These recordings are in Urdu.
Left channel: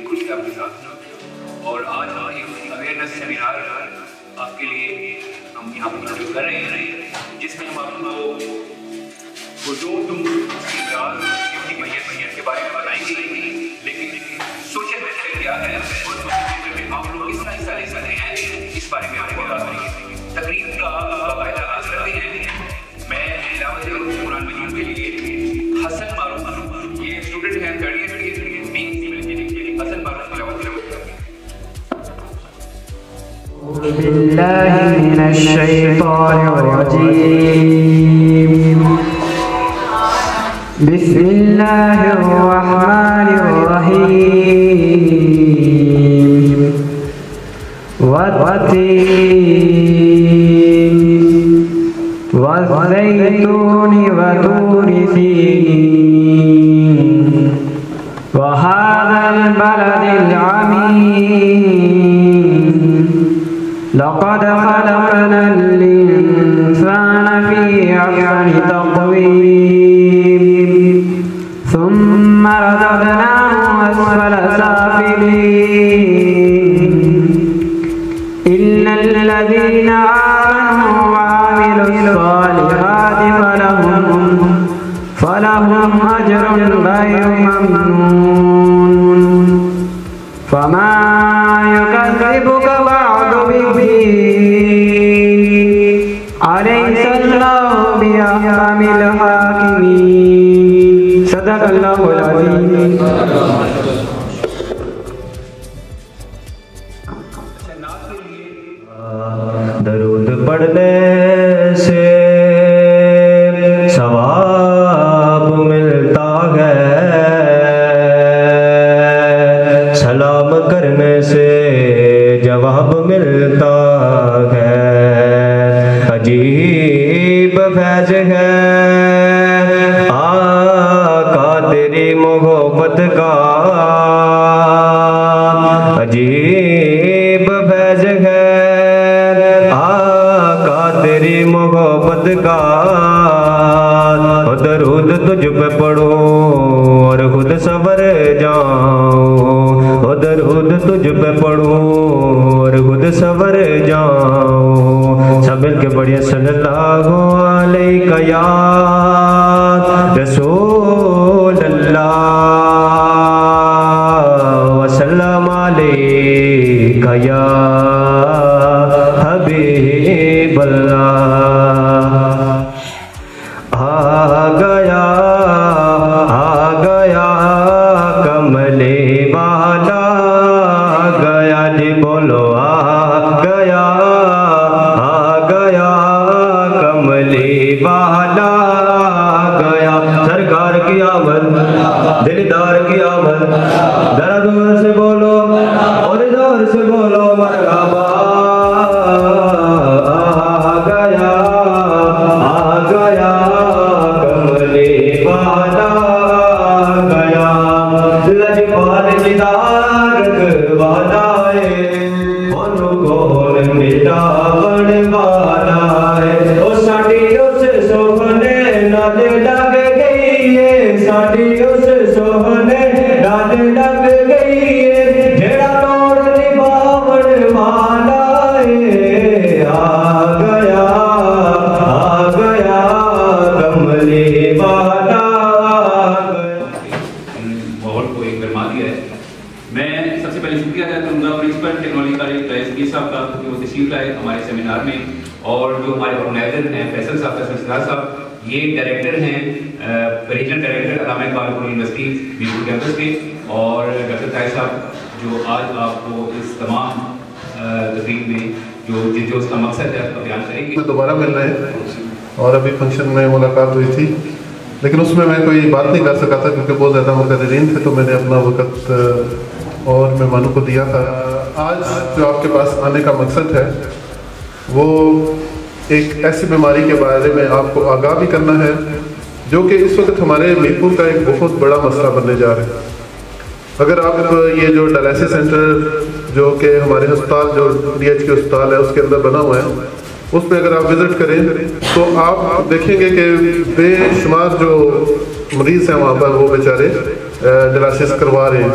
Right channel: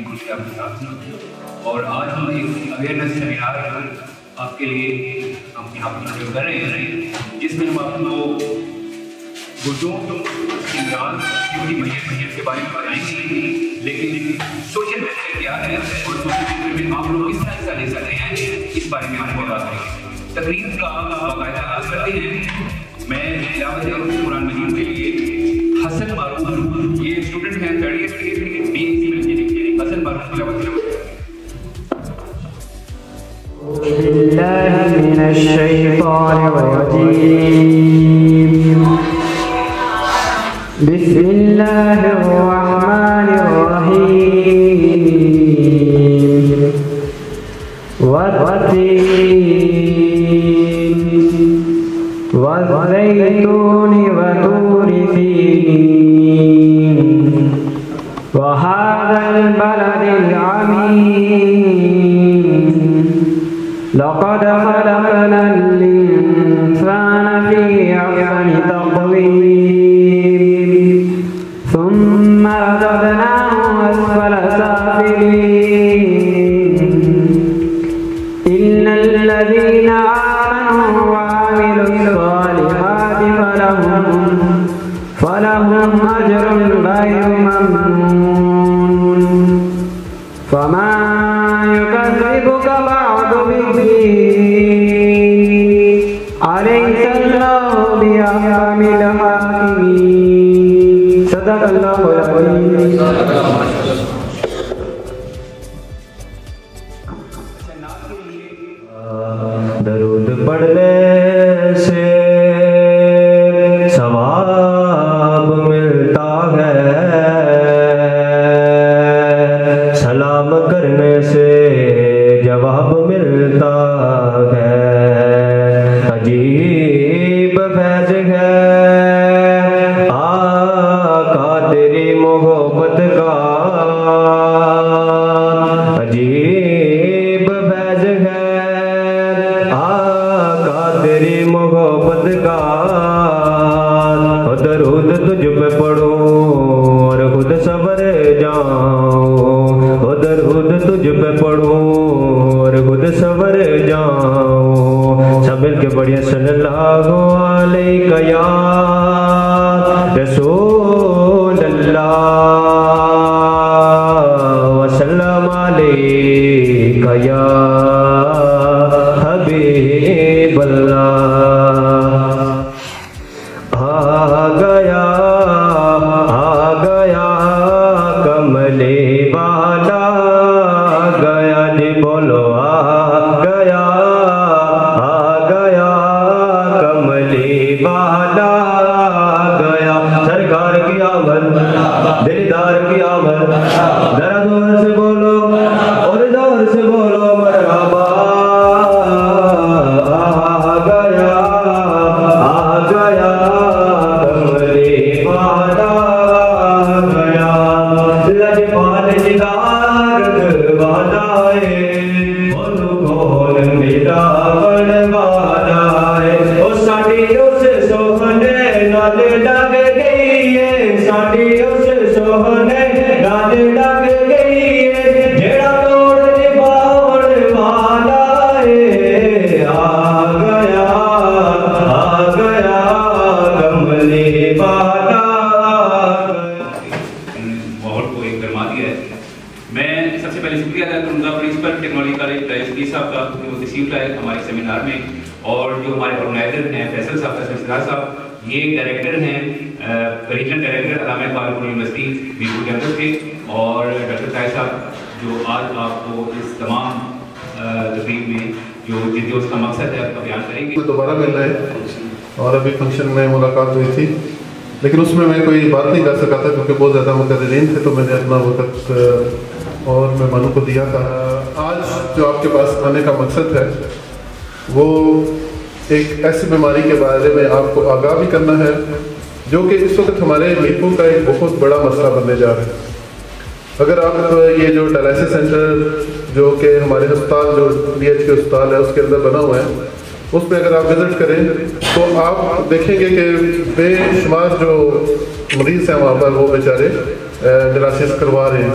بڑی خوشی آپ کے ساتھ ہوں اور آج ہم ایک اویئرنیس سیمینار آپ کے لیے ہم یہاں پر منعقد کر رہے ہیں جس میں ہم آپ کو بزرگ کے بارے میں بتائیں گے لیکن سوشل میڈیا کیا ہے اور سوشل میڈیا میں آپ لوگ کس طرح حصہ لے سکتے ہیں اس بارے میں آپ کو بات کریں گے۔ تقریب کا آپ باقاعدہ آغاز کرتے ہیں۔ میں تلاوت قرآن مجید کے لیے حسن معروف یہ اسٹوڈنٹ ہیں تھرڈ ایئر کے حسن معروف کو تلاوت کریں۔ أعوذ بالله من الشيطان الرجيم بسم الله الرحمن الرحيم والتين والزيتون وطور سينين وهذا البلد العميم لقد خلقنا الإنسان في أحسن تقويم ثم رددناه أسفل سافلين إلا الذين آمنوا وعملوا الصالحات فلهم أجر غير ممنون فما يكذبك بعد بالدين أليس الله بأحكم الحاكمين صدق الله العظيم۔ درود پڑھنے سے ثواب ملتا ہے، سلام کرنے سے جواب ملتا ہے، عجیب فیض ہے آقا تیری محبت کا، عجیب فیض ہے آقا تیری محبت کا، درود تجھ پہ پڑھو اور خود سنور جاؤ، درود تجھ پہ پڑھو اور خود سنور جاؤ، سب مل کے پڑھیے صلی اللہ علیہ یا رسول اللہ وسلم علیہ یا حبیب اللہ۔ آ گیا کملی والا، گیا جی بولو آ گیا کملی والا، گیا سرکار کی آمد دلدار کی آمد، ذرا زور سے بولو اور زور سے بولو مرحبا، آ گیا کملی والا، گیا لجپال دیدار والا ہے، ان کھول مٹان والا ہے، وہ ساڑی اس سوہنے نال لگ گئی ہے، ساڑی اس سوہنے نال لگ گئی ہے، جڑا توڑ دی باوڑ والا ہے، آ گیا کملی والا۔ ماحول کو ایک گرما دیا ہے۔ میں سب سے پہلے شکریہ ادا کروں گا پرنسپل ٹیکنالوجی کالج کی صاحب کا جو تشریف لائے ہمارے سیمینار میں، اور جو ہمارے آرگنائزر ہیں فیصل صاحب صاحب، یہ ڈائریکٹر ہیں ریجنل ڈائریکٹر علامہ اقبال یونیورسٹیز میرپور کیمپس کے، اور ڈاکٹر طاہر صاحب جو آج آپ کو اس تمام تقریب میں جو اس کا مقصد ہے آپ کو بیان کریں گے۔ دوبارہ مل رہے ہیں اور ابھی فنکشن میں ملاقات ہوئی تھی، لیکن اس میں کوئی بات نہیں کر سکا تھا کیونکہ بہت زیادہ مقررین تھے، تو میں نے اپنا وقت اور مہمانوں کو دیا تھا۔ آج جو آپ کے پاس آنے کا مقصد ہے وہ ایک ایسی بیماری کے بارے میں آپ کو آگاہ بھی کرنا ہے جو کہ اس وقت ہمارے میرپور کا ایک بہت بڑا مسئلہ بننے جا رہا ہے۔ اگر آپ یہ جو ڈائلسس سینٹر جو کہ ہمارے ہسپتال جو ڈی ایچ کے ہسپتال ہے اس کے اندر بنا ہوا ہے، اس میں اگر آپ وزٹ کریں تو آپ دیکھیں گے کہ بے شمار جو مریض ہیں وہاں پر وہ بیچارے ڈائلسس کروا رہے ہیں،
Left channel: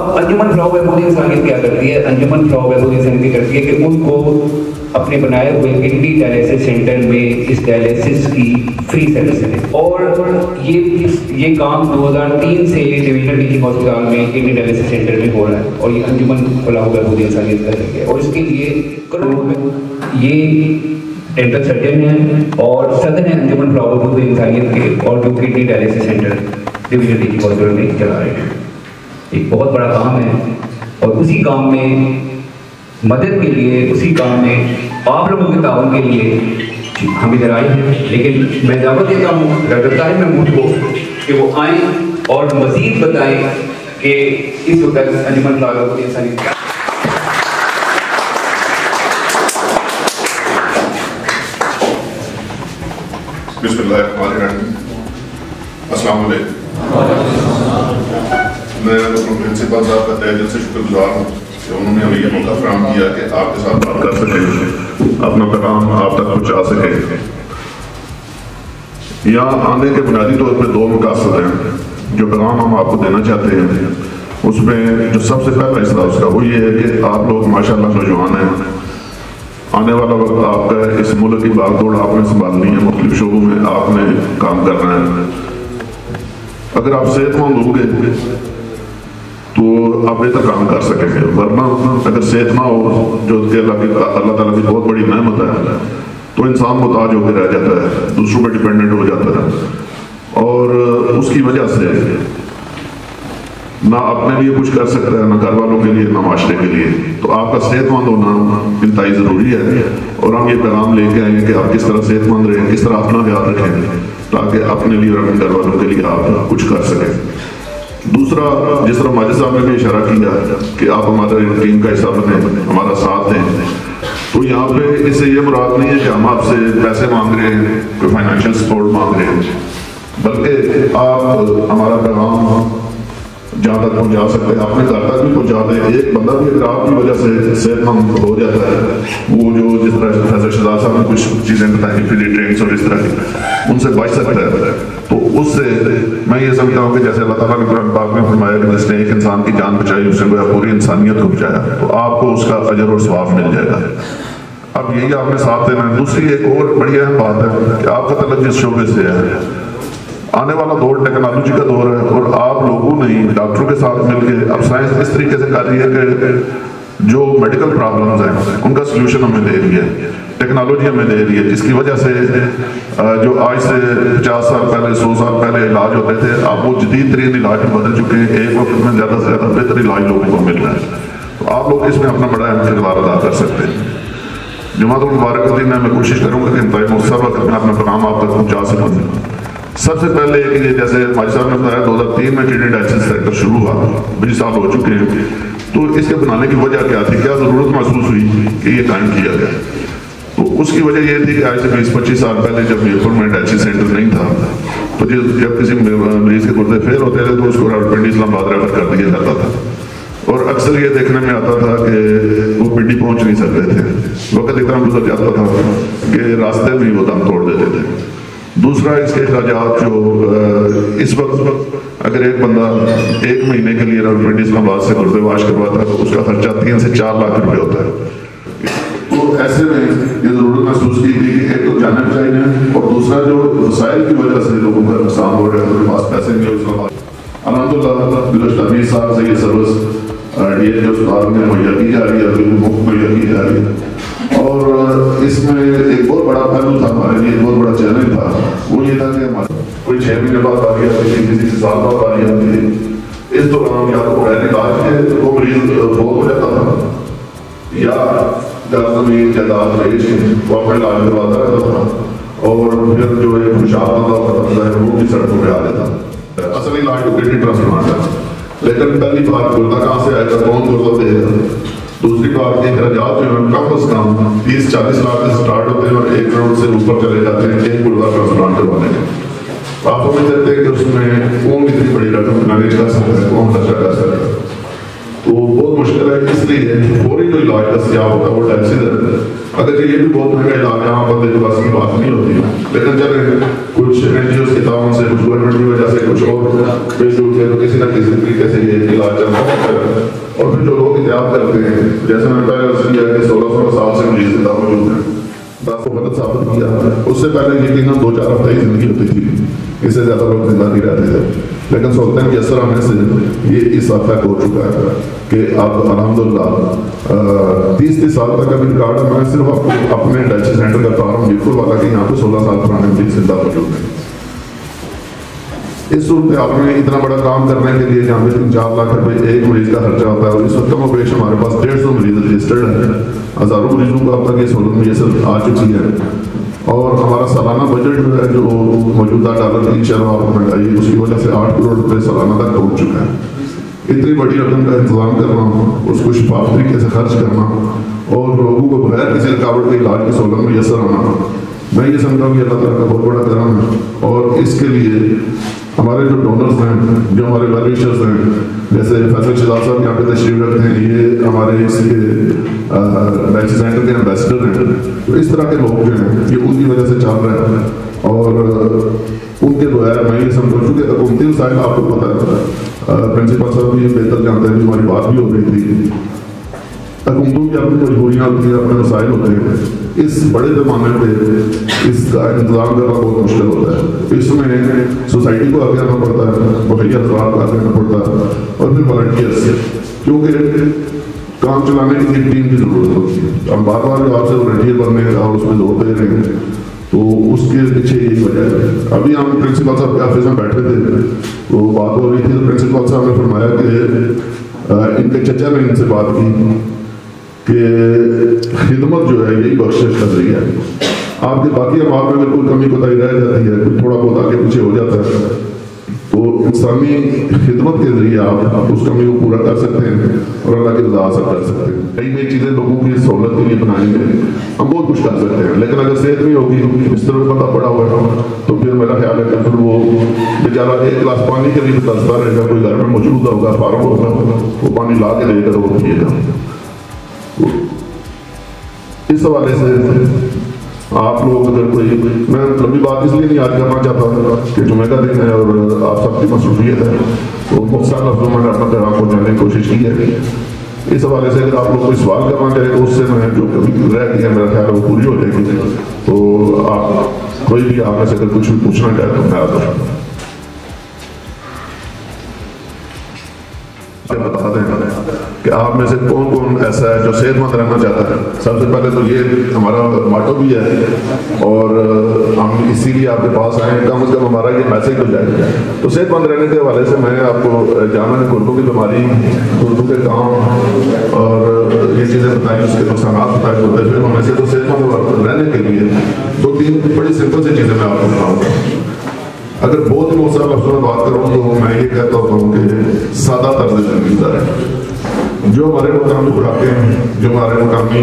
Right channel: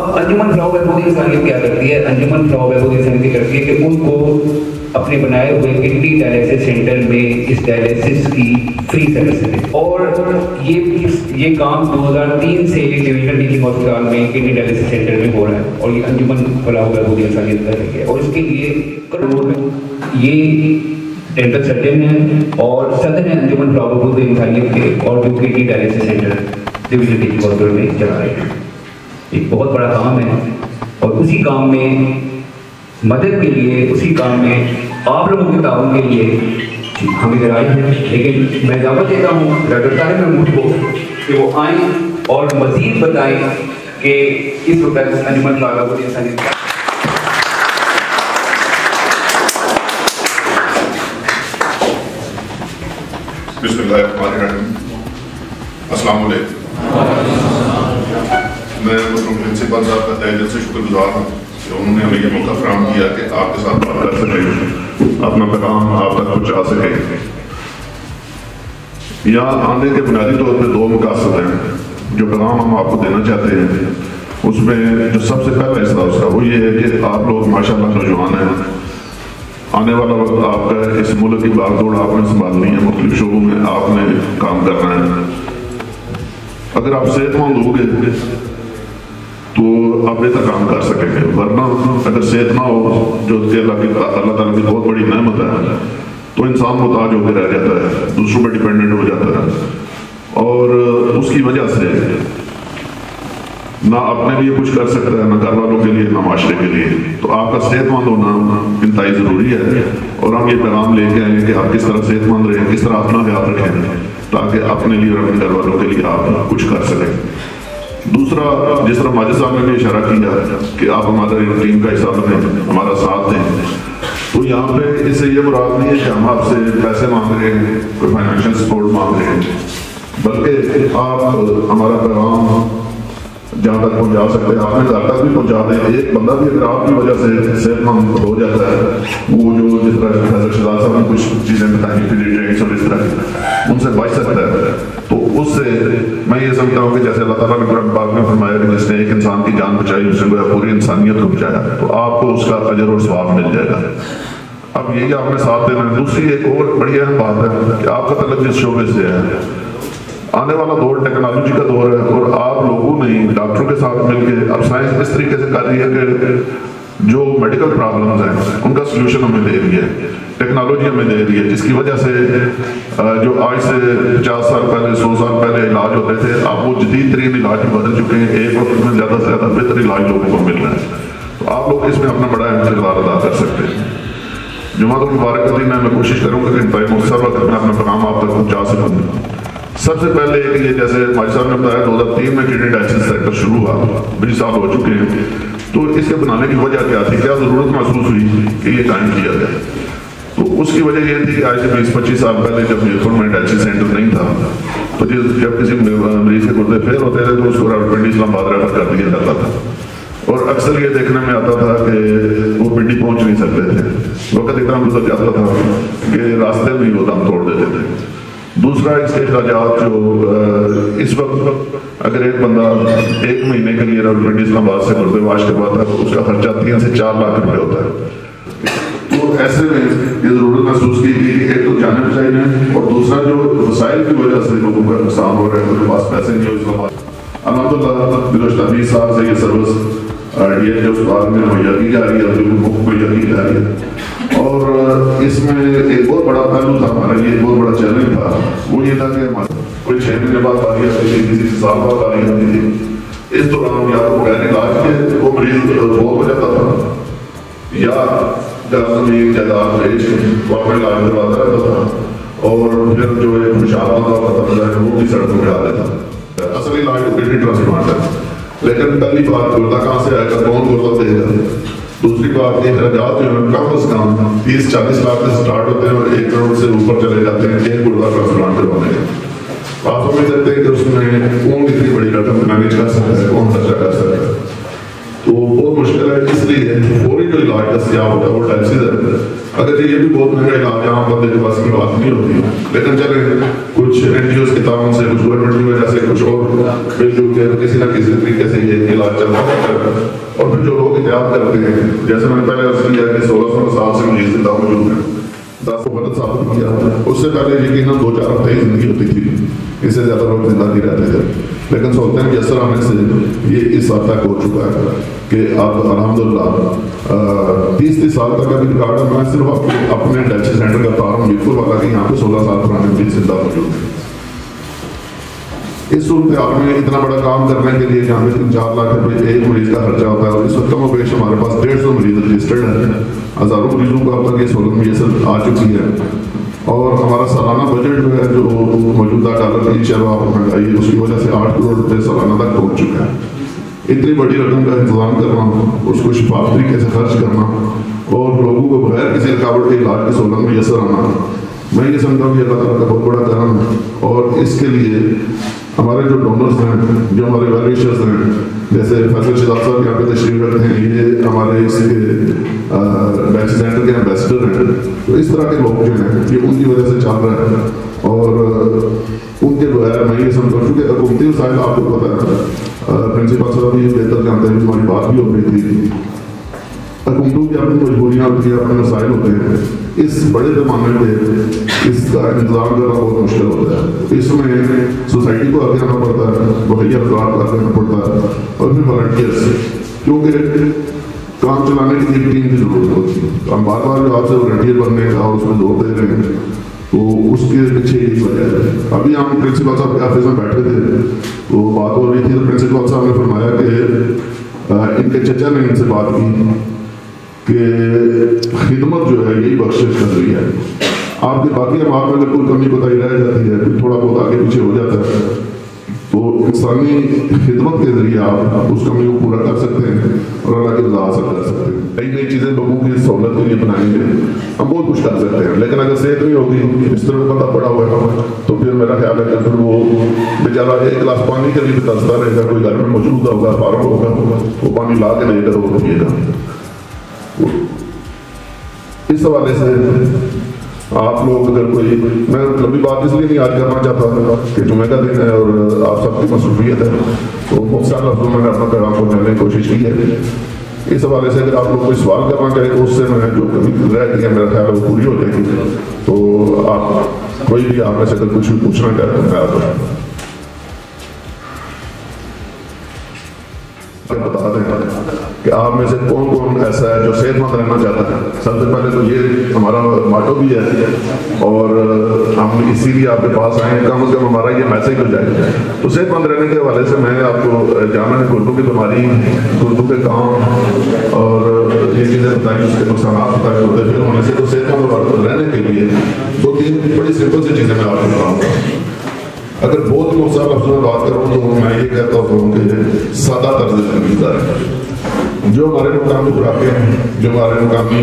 اب انجمن فلاح و بہبود انسانیت کیا کرتی ہے؟ انجمن فلاح و بہبود انسانیت کرتی ہے کہ ان کو اپنے بنائے ہوئے کڈنی ڈائلیسس سینٹر میں اس ڈائلیسس کی فری سروس ہے، اور یہ کام 2003 سے یہ ڈویژن ڈی ہسپتال میں کڈنی ڈائلیسس سینٹر میں ہو رہا ہے، اور یہ انجمن فلاح و بہبود انسانیت کر رہی ہے، اور اس کے لیے یہ ڈینٹل سرجن ہیں اور صدر ہیں انجمن فلاح و بہبود انسانیت کے، اور جو kidney dialysis centre division D ہسپتال میں چلا رہے ہیں۔ ایک بہت بڑا کام ہے، اور اسی کام میں مدد کے لیے، اسی کام میں آپ لوگوں کے تعاون کے لیے ہم ادھر آئے ہیں، لیکن میں دعوت دیتا ہوں ڈاکٹر طاہر محمود کو کہ وہ آئیں اور مزید بتائیں کہ کس وقت انجمن فلاح و بہبود انسانیت بسم اللہ الرحمن الرحیم۔ السلام علیکم۔ میں پرنسپل صاحب کا تہہ دل سے شکر گزار ہوں کہ انہوں نے ہمیں یہ موقع فراہم کیا کہ آپ کے ساتھ بات کر سکیں، اپنا پیغام آپ تک پہنچا سکیں۔ یہاں آنے کے بنیادی طور پر دو مقاصد ہیں جو پیغام ہم آپ کو دینا چاہتے ہیں۔ اس میں جو سب سے پہلا حصہ اس کا وہ یہ ہے کہ آپ لوگ ماشاء اللہ نوجوان ہیں، آنے والا وقت آپ کا اس ملک کی بھاگ دوڑ آپ نے سنبھالنی ہے، مختلف شعبوں میں آپ نے کام کرنا ہے۔ اگر آپ صحت مند ہو گئے تو آپ بہتر کام کر سکیں گے، ورنہ اگر صحت نہ ہو جو کہ اللہ تعالیٰ کی بہت بڑی نعمت ہے، تو انسان محتاج ہو کے رہ جاتا ہے، دوسروں پر ڈیپینڈنٹ ہو جاتا ہے، اور اس کی وجہ سے نہ اپنے لیے کچھ کر سکتا ہے، نہ گھر والوں کے لیے، نہ معاشرے کے لیے۔ تو آپ کا صحت مند ہونا انتہائی ضروری ہے، اور ہم یہ پیغام لے کے آئیں کہ آپ کس طرح صحت مند رہیں، کس طرح اپنا خیال رکھیں تاکہ اپنے لیے اور اپنے گھر والوں کے لیے آپ کچھ کر سکیں۔ دوسرا، جس طرح ماجد صاحب نے بھی اشارہ کیا ہے کہ آپ ہمارے ٹیم کا حصہ بنیں، ہمارا ساتھ دیں، تو یہاں پہ اس سے یہ مراد نہیں ہے کہ ہم آپ سے پیسے مانگ رہے ہیں، فائنینشیل سپورٹ مانگ رہے ہیں، بلکہ آپ ہمارا پیغام جہاں تک پہنچا سکتے ہیں، اپنے گھر تک بھی پہنچا دیں۔ ایک بندہ بھی اگر آپ کی وجہ سے صحت مند ہو جاتا ہے، وہ جو جس طرح حضرت شہزاد صاحب نے کچھ چیزیں بتائیں فزی ٹریننگس اور اس طرح کی، ان سے بچ سکتا ہے، تو اس سے میں یہ سمجھتا ہوں کہ جیسے اللہ تعالیٰ نے قرآن پاک میں فرمایا کہ جس نے ایک انسان کی جان بچائی اس سے پوری انسانیت کو بچایا، تو آپ کو اس کا اجر اور ثواب مل جائے گا۔ اب یہ آپ نے ساتھ دینا ہے۔ دوسری ایک اور بڑی اہم بات ہے کہ آپ کا تعلق جس شعبے سے ہے، آنے والا دور ٹیکنالوجی کا دور ہے، اور آپ لوگوں نے ڈاکٹروں کے ساتھ مل کے اب سائنس اس طریقے سے کر رہی ہے کہ جو میڈیکل پرابلمز ہیں ان کا سلوشن ہمیں دے دیا ہے، ٹیکنالوجی ہمیں دے دی ہے، جس کی وجہ سے جو آج سے 50 سال پہلے 100 سال پہلے علاج ہوتے تھے، اب وہ جدید ترین علاج بدل چکے ہیں، ایک وقت میں زیادہ سے زیادہ بہتر علاج لوگوں کو مل رہا ہے، تو آپ لوگ اس میں اپنا بڑا اہم کردار ادا کر سکتے ہیں۔ جماعت المبارک کے دن میں کوشش کروں گا کہ انتہائی مختصر وقت میں اپنا پیغام آپ تک پہنچا سکوں۔ سب سے پہلے یہ جیسے ہمارے صاحب نے بتایا 2003 میں کڈنی ڈائلیسس سینٹر شروع ہوا، 20 سال ہو چکے ہیں، تو اس کے بنانے کی وجہ کیا تھی، کیا ضرورت محسوس ہوئی کہ یہ قائم کیا جائے؟ تو اس کی وجہ یہ تھی کہ آج سے 20-25 سال پہلے جب میرپور میں ڈائلیسس سینٹر نہیں تھا، تو جب کسی مریض کے گردے فیل ہوتے تھے تو اس کو پنڈی اسلام آباد ریفر کر دیا جاتا تھا، اور اکثر یہ دیکھنے میں آتا تھا کہ وہ پنڈی پہنچ نہیں سکتے تھے، وقت اتنا گزر جاتا تھا کہ راستے میں وہ دم توڑ دیتے تھے۔ دوسرا اس کے اخراجات جو اس وقت اگر ایک بندہ 1 مہینے کے لیے پنڈی اسلام آباد سے گردے واش کرواتا ہے تو اس کا خرچہ 3 سے 4 لاکھ روپے ہوتا ہے۔ تو ایسے میں یہ ضرورت محسوس کی تھی کہ ایک تو جانا چاہیے، اور دوسرا جو وسائل کی وجہ سے لوگوں کا نقصان ہو رہا ہے، ان کے پاس پیسے نہیں، اس کے بعد الحمدللہ بلوچستانی صاحب سے یہ سروس یہ جو اسپتال میں مہیا کی جا رہی ہے، بالکل مہیا کی جا رہی ہے، اور اس میں ایک بہت بڑا پہلو تھا ہمارے لیے، بہت بڑا چیلنج تھا، وہ یہ تھا کہ ہمارے کوئی 6 مہینے بعد آ رہی ہے، کسی سال بعد آ رہی تھی، اس دوران یا تو غیر علاج کے وہ مریض فوت ہو جاتا تھا، یا زمین جائیداد بیچ وہ اپنے علاج کرواتا رہتا تھا، اور پھر جو ایک مشاورہ کی سڑکوں میں آ دیتا۔ اصل علاج تو کڈنی ٹرانسپلانٹ ہے، لیکن پہلی بار گردہ کہاں سے آئے گا، بہت ضرورت دے گا۔ دوسری بات یہ اخراجات جو ہے کم از کم 30-40 لاکھ سے سٹارٹ ہوتے ہیں، اور 1 کروڑ سے اوپر چلے جاتے ہیں ایک گردہ ٹرانسپلانٹ کروانے میں۔ آپ ہمیں دیکھتے ہیں کہ اس میں کون کتنی بڑی رقم مینیج کر سکتا ہے، کون نشہ کر سکتا ہے، تو بہت مشکل ہے۔ اس لیے فوری جو علاج دستیاب ہوتا ہے وہ ڈائلیسس ہے، اگر یہ بھی بہت مہنگا علاج ہے، اور دیکھ بھال کی بات نہیں ہوتی، لیکن چلے کچھ NGOs کی تعاون سے کچھ گورنمنٹ کی وجہ سے کچھ اور کسی نہ کسی طریقے سے یہ علاج چل رہا ہے. اور پھر جو لوگ احتیاط کر رہے ہیں, جیسے میں پہلے عرض کیا کہ 1600 سال سے مجھے زندہ موجود ہے, دس کو غلط ثابت کیا. اس سے پہلے یقیناً 2-4 ہفتے ہی زندگی ہوتی تھی, اس سے زیادہ لوگ زندہ نہیں رہتے تھے. لیکن سلطان کے اثر آنے سے یہ اس حد تک ہو چکا ہے کہ اب الحمدللہ 30 سال تک ابھی ریکارڈ ہے. میں صرف اپنے ڈائلسس سینٹر کا بتا رہا ہوں ایک والا کہ یہاں پہ 16 سال پرانے مریض زندہ موجود ہیں. اس صورتحال میں اتنا بڑا کام کرنے کے لیے جہاں پہ 3-4 لاکھ روپئے ایک مریض کا خرچہ ہوتا ہے, اور اس وقت کم و بیش ہمارے پاس 150 مریض رجسٹرڈ ہیں. ہزاروں مریضوں کو اب تک یہ سہولت میسر آ چکی ہے. اور ہمارا سالانہ بجٹ جو ہے جو موجودہ ڈالر کی چلو آپ مہنگائی ہے, اس کی وجہ سے 8 کروڑ روپئے سالانہ تک پہنچ چکا ہے. اتنی بڑی رقم کا انتظام کرنا, اس کو شفاف طریقے سے خرچ کرنا اور لوگوں کو بغیر کسی رکاوٹ کے علاج کی سہولت میسر آنا, میں یہ سمجھتا ہوں کہ اللہ تعالیٰ کا بہت بڑا کرم ہے. اور اس کے لیے ہمارے جو ڈونرز ہیں, جو ہمارے ویل وشرز ہیں, جیسے فیصل شہزاد صاحب یہاں پہ تشریف رکھتے ہیں, یہ ہمارے اس کے ڈائلسس سینٹر کے ایمبیسڈر ہیں. اس طرح کے لوگ جو ہیں یہ ان کی وجہ سے چل رہے ہیں. اور ان کے جو ہے میں یہ سمجھتا ہوں کہ حکومتی وسائل آپ کو پتہ ہے, پرنسپل صاحب بھی بہتر جانتے ہیں, ہماری بات بھی ہو رہی تھی, حکومتوں کی اپنی مجبوریاں ہوتی ہیں, اپنے وسائل ہوتے ہیں. اس بڑے پیمانے پہ اس کا انتظام کرنا بہت مشکل ہوتا ہے. اس میں سوسائٹی کو آگے آنا پڑتا ہے, مہیا افراد آگے آنا پڑتا ہے, اور پھر والنٹیئرس, کیونکہ کام چلانے کی ٹیم کی ضرورت ہوتی ہے. ہم بار بار آپ سے والنٹیئر بننے کا اس میں زور دے رہے ہیں, وہ اس کے پیچھے یہی وجہ ہے. ابھی ہم پرنسپل صاحب کے آفس میں بیٹھے تھے, وہ بات ہو رہی تھی, تو پرنسپل صاحب نے فرمایا کہ ان کے چچا نے ان سے بات کی کہ خدمت جو ہے یہی بخشش کر رہی ہے. آپ کے باقی اعمال میں اگر کوئی کمی کوتاہی رہ جاتی ہے, تھوڑا بہت آگے پیچھے ہو جاتا ہے, تو انسانی خدمت کے ذریعے آپ اس کمی کو پورا کر سکتے ہیں اور اللہ کی رضا حاصل کر سکتے ہیں. نئی نئی چیزیں لوگوں کی سہولت کے لیے بنائیں گے, ہم بہت کچھ کر سکتے ہیں. لیکن اگر صحت نہیں ہوگی, اس طرح بندہ بڑا ہوا, تو پھر میرا خیال ہے کہ پھر وہ بیچارہ ایک گلاس پانی کے لیے ترستا رہے گا. کوئی گھر میں موجود ہوگا, پارک ہوگا, وہ پانی لا کے دے کر وہ پیے گا. اس حوالے سے آپ لوگ اگر کوئی, میں لمبی بات اس لیے نہیں یاد کرنا چاہتا ہوں کہ جمعہ کا دن ہے اور آپ سب کی مصروفیت ہے, تو بہت سارے لفظوں میں اپنا دماغ کو میں نے کوشش کی ہے. اس حوالے سے اگر آپ لوگ کوئی سوال کرنا چاہیں تو اس سے میں جو رہ گئی ہے میرا خیال ہے وہ پوری ہو جائے گی. تو آپ کوئی بھی آپ میں سے اگر کچھ پوچھنا چاہتے ہیں, میں آپ بتا دیں کہ آپ میں سے کون کون ایسا ہے جو صحت مند رہنا چاہتا ہے. سب سے پہلے تو یہ ہمارا ماٹو بھی ہے, اور ہم اسی لیے آپ کے پاس آئے, کم از کم ہمارا یہ میسج ہو جائے. تو صحت مند رہنے کے حوالے سے میں نے آپ کو جانا ہے گھٹنوں کی بیماری, گردوں کے کام اور یہ چیزیں بتائیں, اس کے نقصانات بتائے. پھر ہم ایسے تو صحت مند رہنے کے لیے 2-3 بڑی سمپل سی چیزیں میں آپ کو بتاؤں. اگر بہت ہی مختصر لفظوں میں بات کروں تو میں یہ کہتا ہوں کہ سادہ طرز زندگی گزاریں. جو ہمارے مقامی خوراکیں ہیں, جو ہمارے مقامی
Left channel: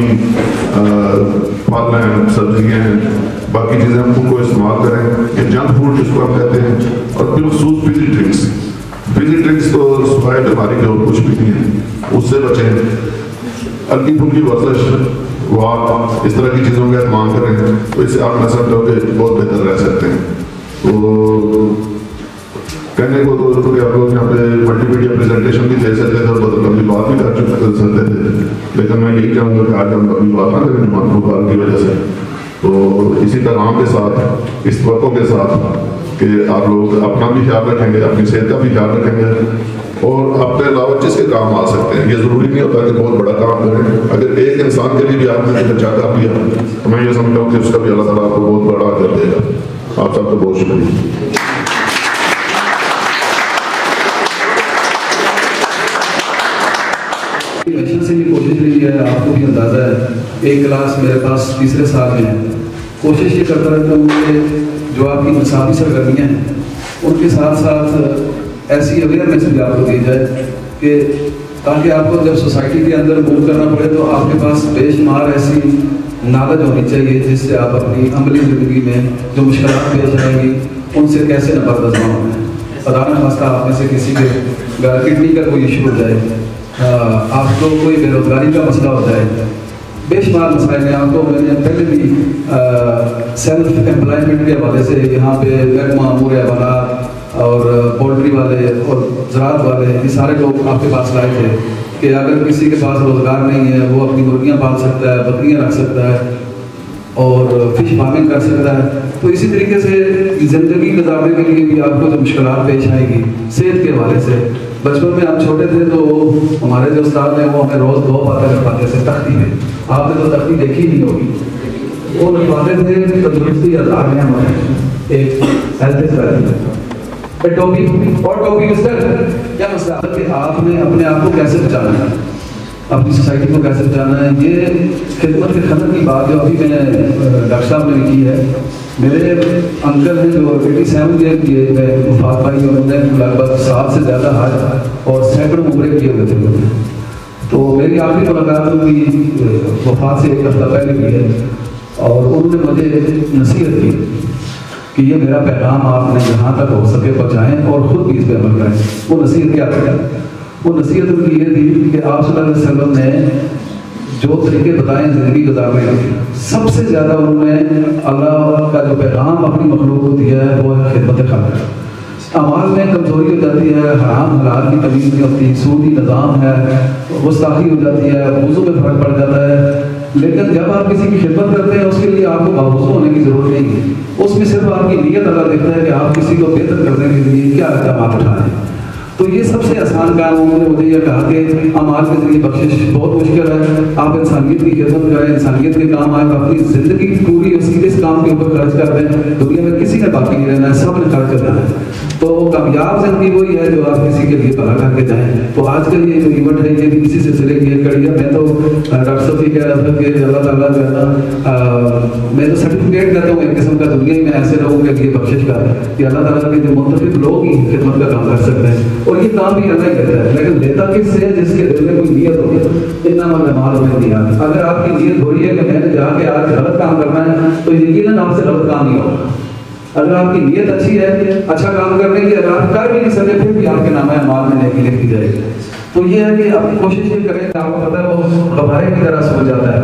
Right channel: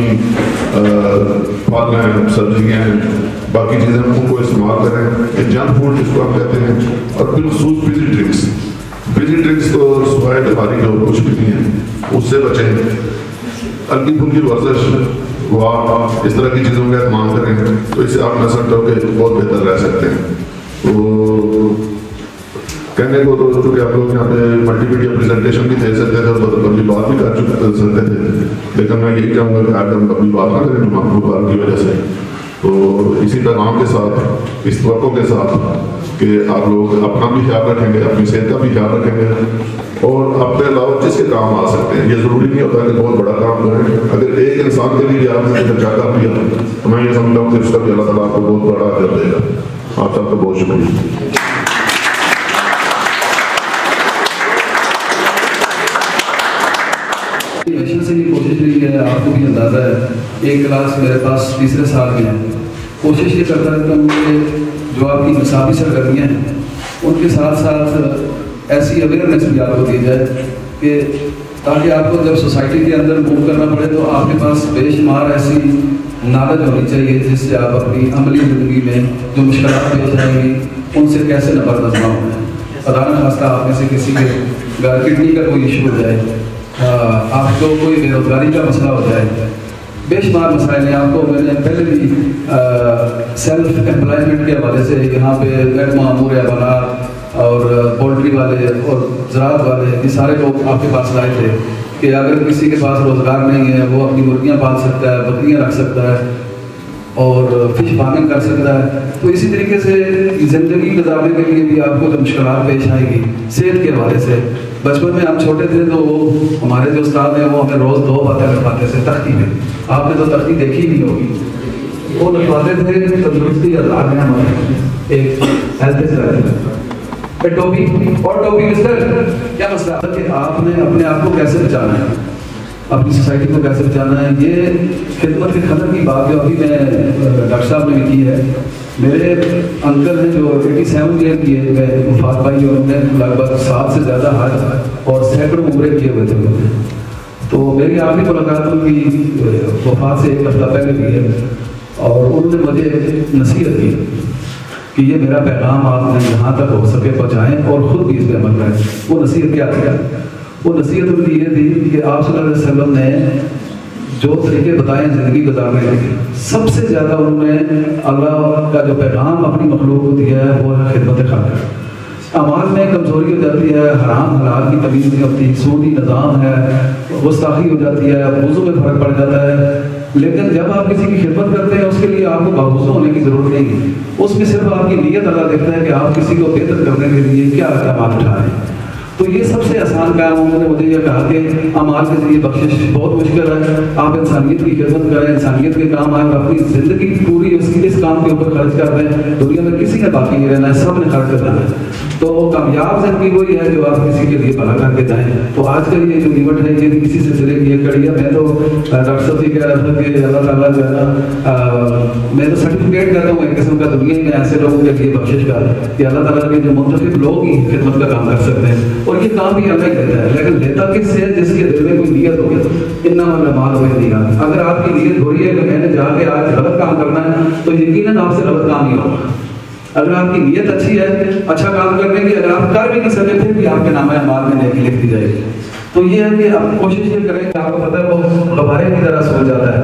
پھل ہیں, سبزیاں ہیں, باقی چیزیں ان کو استعمال کریں. یہ جنک فوڈ جس کو ہم کہتے ہیں, اور بالخصوص فریزی ڈرنکس. فریزی ڈرنکس تو صبح بیماری کے اور کچھ بھی نہیں ہے, اس سے بچیں. ہلکی پھلکی ورزش, وہ آپ اس طرح کی چیزوں کا اہتمام کریں تو اس سے آپ میں سمجھتا ہوں کہ بہت بہتر رہ سکتے ہیں. کہنے کو تو کہ آپ لوگ یہاں پہ ملٹی میڈیا پریزنٹیشن بھی دے سکتے ہیں, ہم اپنی بات بھی کر سکتے تھے, لیکن میں یہی چاہوں گا کہ آج ہم اپنی بات نہ کریں جمعہ کی وجہ سے. تو اسی پیغام کے ساتھ, اس توقع کے ساتھ کہ آپ لوگ اپنا بھی خیال رکھیں گے, اپنی صحت کا بھی خیال رکھیں گے, اور اپنے علاوہ جس کے کام آ سکتے ہیں. یہ ضروری نہیں ہوتا کہ بہت بڑا کام کریں. اگر ایک انسان کے لیے بھی آپ نے بچا کر لیا تو میں یہ سمجھتا ہوں کہ اس کا بھی اللہ تعالیٰ آپ کو بہت بڑا کر دے گا. آپ سب کو بہت شکریہ. سے بھی کوشش رہی ہے, آپ کو بھی اندازہ ہے, ایک کلاس میرے پاس 3 سال میں ہے. کوشش یہ کرتا رہتا ہوں کہ جو آپ کی انصافی سرگرمیاں ہیں ان کے ساتھ ساتھ ایسی اویئرنیس بھی آپ کو دی جائے کہ تاکہ آپ کو جب سوسائٹی کے اندر موو کرنا پڑے تو آپ کے پاس بے شمار ایسی نالج ہونی چاہیے جس سے آپ اپنی عملی زندگی میں جو مشکلات پیش آئیں گی ان سے کیسے نپردہ ہیں. خدا کا خواستہ آپ میں سے کسی کے گھر کے کا کوئی ایشو ہو جائے, آپ کو کوئی بے روزگاری کا مسئلہ ہو جائے, بے شمار مسائل ہیں. آپ کو میں نے پہلے بھی سیلف امپلائمنٹ کے حوالے سے یہاں پہ محکمہ امور حیوانات اور پولٹری والے اور زراعت والے یہ سارے لوگ آپ کے پاس لائے تھے کہ اگر کسی کے پاس روزگار نہیں ہے وہ اپنی مرغیاں پال سکتا ہے, بکریاں رکھ سکتا ہے اور فش فارمنگ کر سکتا ہے. تو اسی طریقے سے زندگی گزارنے کے لیے بھی آپ کو جو مشکلات پیش آئے گی صحت کے حوالے سے. بچپن میں ہم چھوٹے تھے تو ہمارے جو استاد ہیں وہ ہمیں روز 2 باتیں لکھاتے تھے تختی میں. آپ نے تو تختی دیکھی نہیں ہوگی. وہ لکھواتے تھے تندرستی یا تعلیم ایک ہیلتھ سے ٹوپی اور ٹوپی اس کا کیا مسئلہ ہے کہ آپ نے اپنے آپ کو کیسے بچانا ہے, اپنی سوسائٹی کو کیسے بچانا ہے. یہ خدمت کی خدمت کی بات جو ابھی میں ڈاکٹر صاحب نے لکھی ہے. میرے انکل ہیں جو 87 ایئر کی ایج میں وفات پائی اور انہوں نے لگ بھگ 7 سے زیادہ حج اور سینکڑوں عمرے کیے ہوئے تھے. تو میری آخری ملاقات ان کی وفات سے 1 ہفتہ پہلے ہوئی ہے اور انہوں نے مجھے نصیحت کی کہ یہ میرا پیغام آپ نے یہاں تک ہو سکے پہنچائیں اور خود بھی اس میں بن رہے ہیں. وہ نصیحت کیا تھی؟ وہ نصیحت ان کی یہ تھی کہ آپ صلی اللہ علیہ وسلم نے جو طریقے بتائیں زندگی گزارنے کے, سب سے زیادہ انہوں نے اللہ کا جو پیغام اپنی مخلوق کو دیا ہے وہ ہے خدمت خلق. آواز میں کمزوری ہو جاتی ہے, حرام حلال کی تمیز نہیں ہوتی, سو کی نظام ہے, گستاخی ہو جاتی ہے, وضو میں فرق پڑ جاتا ہے. لیکن جب آپ کسی کی خدمت کرتے ہیں اس کے لیے آپ کو باوضو ہونے کی ضرورت نہیں ہے. اس میں صرف آپ کی نیت اللہ دیکھتا ہے کہ آپ کسی کو بہتر کرنے کے لیے کیا اقدامات اٹھا رہے ہیں. تو یہ سب سے آسان کام انہوں نے مجھے یہ کہا کہ امال کے ذریعے بخشش بہت مشکل ہے. آپ انسانیت کی خدمت کریں, انسانیت کے کام آئے, اپنی زندگی پوری اس کام کے اوپر خرچ کر دیں. دنیا میں کسی نے باقی نہیں رہنا ہے, سب نے خرچ کر دینا ہے. تو کامیاب زندگی وہی ہے جو آپ کسی کے لیے بھلا کر کے جائیں. تو آج کل یہ جو ایونٹ ہے کہ کسی سلسلے کی ایک کڑی ہے. میں تو ڈاکٹر صاحب جی کہہ رہا تھا کہ اللہ تعالیٰ جو ہے میں تو سرٹیفکیٹ دیتا ہوں ایک قسم کا دنیا میں ایسے لوگوں کے لیے بخشش کا کہ اللہ تعالیٰ کے جو منتخب لوگ ہی خدمت کا کام کر سکتے ہیں. اور یہ کام بھی اللہ کرتا ہے, لیکن نیتا کس سے جس کے دل میں کوئی نیت ہو. اتنا مہمان میں دیا. اگر آپ کی نیت ہو رہی ہے کہ میں نے جا کے آج غلط کام کرنا ہے تو یقیناً آپ سے غلط کام نہیں ہوگا. اگر آپ کی نیت اچھی ہے اچھا کام کرنے کی, اگر آپ کر بھی نہیں سکتے پھر بھی آپ کے نام اعمال میں نیکی لکھ دی جائے گی. تو یہ ہے کہ آپ کوشش یہ کریں کہ آپ کو پتہ ہے وہ ہمارے کی طرح سو جاتا ہے.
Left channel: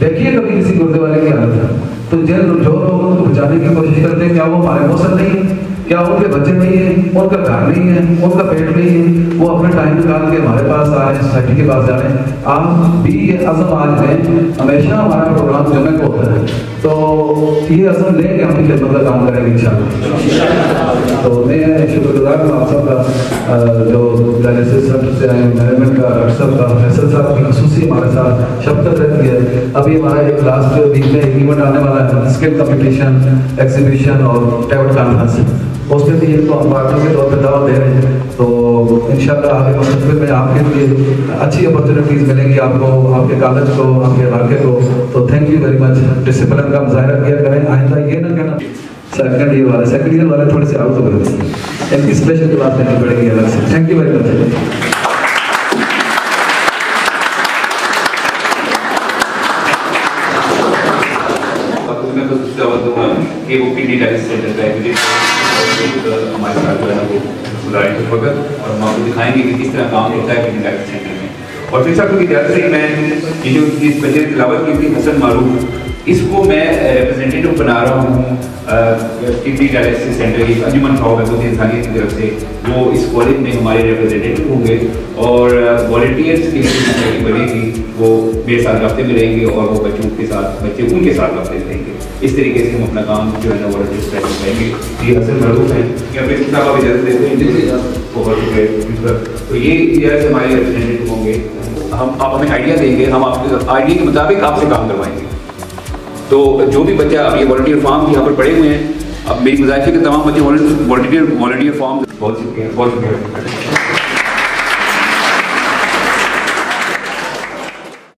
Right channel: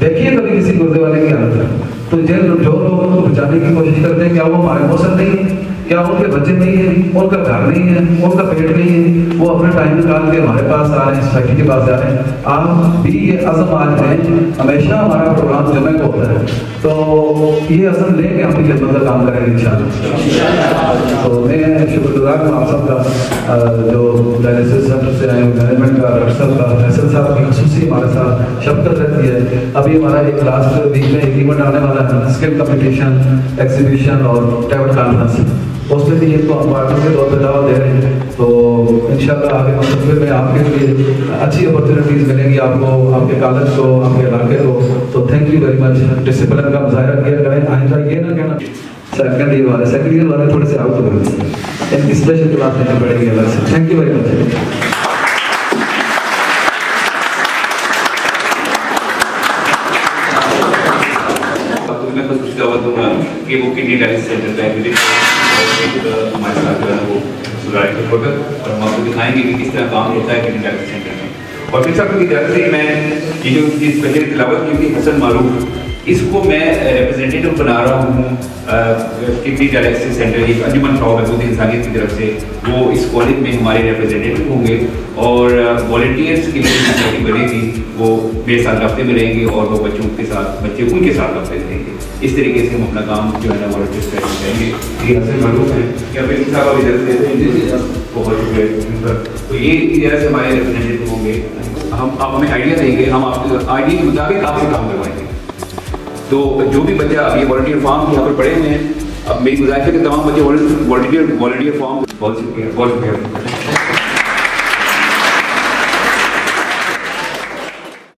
دیکھیے کبھی کسی گردے والے کی حالت ہے تو جو لوگوں کو بچانے کی کوشش کرتے ہیں کیا وہ ہمارے موسم نہیں ہے, کیا ان کے بچے نہیں ہیں, ان کا گھر نہیں ہے, ان کا پیٹ نہیں ہے, وہ اپنا ٹائم نکال کے ہمارے پاس آ رہے ہیں, سوسائٹی کے پاس جا رہے ہیں. آپ بھی یہ عزم آج میں ہمیشہ ہمارا پروگرام جگہ ہوتا ہے تو یہ عزم لے کے ہم خدمت کا کام کریں گے انشاءاللہ. تو میں شکر گزار ہوں آپ سب کا جو ڈائریکٹر مینجمنٹ کا ارشد کا فیصل صاحب کی خصوصی ہمارے ساتھ شرکت رہتی ہے. ابھی ہمارا ایک لاسٹ ویک میں ایک ایونٹ آنے والا ہے, اسکل کمپٹیشن, ایگزیبیشن اور ٹیبل کانفرنس. اس میں بھی یہ تو ہم پارٹی سے بہت دعوت دے رہے ہیں. تو انشاءاللہ آگے مستقبل میں آپ کے لیے اچھی اپرچونیٹیز ملے گی آپ کو, آپ کے کالج کو, آپ کے علاقے کو. تو thank you very much. Discipline کا مظاہرہ کیا کریں, آئندہ یہ نہ کہنا سیکنڈ والے تھوڑے سے آؤٹ کریں, ان کی اسپیشل کلاس میں پڑے گی الگ سے. Thank you very much. کہ وہ کڈنی ڈائلسس سینٹر کا ہے ہمارے ساتھ جو ہے وہ سلاری کو چھوڑ کر اور ہم آپ کو دکھائیں گے کہ کس طرح کام ہوتا ہے کڈنی ڈائلسس سینٹر میں. اور پھر صاحب کی طرف سے میں یہ جو اسپیشل تلاوت کی تھی حسن معروف, اس کو میں ریپرزینٹیو بنا رہا ہوں کڈنی ڈائلسس سینٹر کی. انجمن فاؤنڈر انسانیت کی طرف سے وہ اس کالج میں ہمارے ریپرزینٹیو ہوں گے اور والنٹیئرس کی جو بنے گی وہ بے ساتھ رابطے میں رہیں گے اور وہ بچوں کے ساتھ بچے ان کے ساتھ رابطے میں رہیں گے. اس طریقے سے ہم اپنا کام جو ہے نا والنٹیئرس میں کریں گے. تین اصل معروف ہیں کیا پہ اس طرح بھی جانتے ہیں تو یہ طرح سے ہمارے ریپرزینٹیو ہوں گے. ہم آپ ہمیں آئیڈیا دیں گے, ہم آئیڈیا کے مطابق آپ سے کام کروائیں گے. تو جو بھی بچہ اب یہ والنٹیئر فارم یہاں پر پڑے ہوئے ہیں, اب میری گزارش ہے کہ تمام بچے والنٹیئر فارم. بہت شکریہ.